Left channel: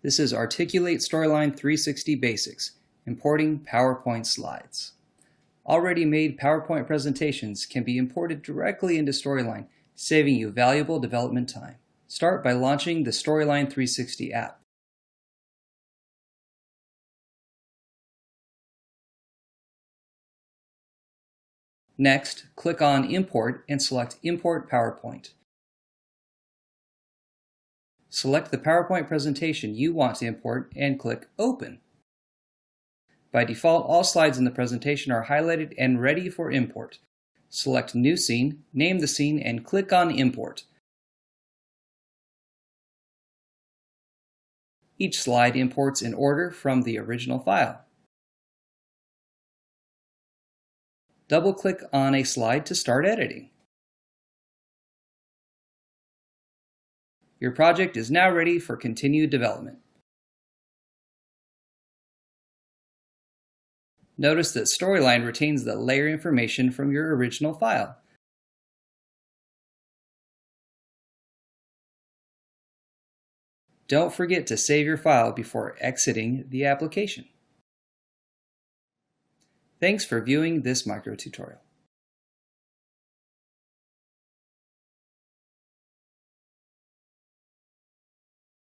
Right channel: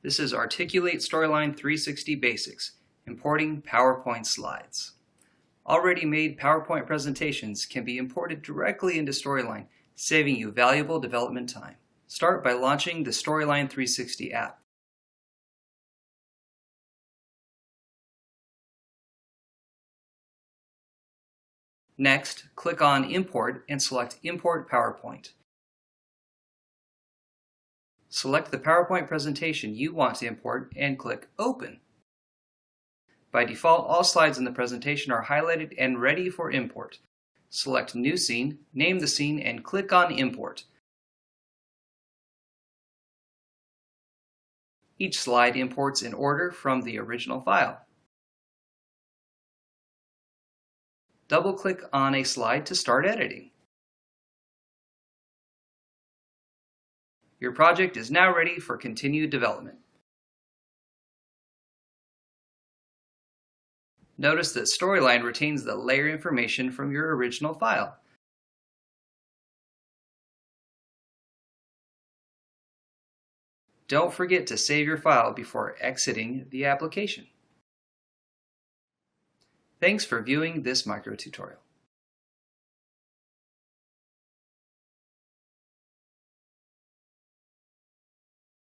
This is Articulate Storyline 360 Basics, importing PowerPoint slides. Already made PowerPoint presentations can be imported directly into Storyline, saving you valuable development time. Start by launching the Storyline 360 app. Next, click on Import and select Import PowerPoint. Select the PowerPoint presentation you want to import and click Open. By default, all slides in the presentation are highlighted and ready for import. Select New Scene, name the scene, and click on Import. Each slide imports in order from the original file. Double-click on a slide to start editing. Your project is now ready for continued development. Notice that Storyline retains the layer information from your original file. Don't forget to save your file before exiting the application. Thanks for viewing this micro tutorial.